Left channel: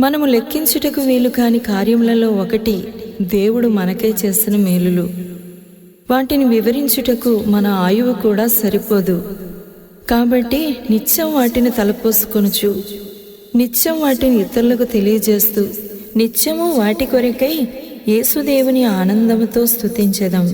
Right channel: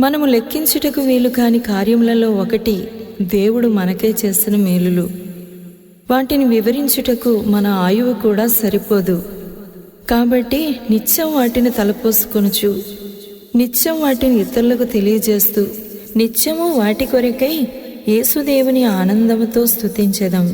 మనము లెక్కించుటకు వీలు కాని కార్యములలో ఒకటి దేవుడు మనకే చేసిన మేలులు. వాటిని వివరించుటకు మన ఆయువు కూడా సరిపోదు. కాబట్టి నిత్యం వాటిని తలపోసుకొనుచు నిత్యం వాటిని ఇతరులకు తెలియజేస్తూ నిత్యము వాటి కొరకై యేసుదేవుని ఆనందముతో స్థుతించదాం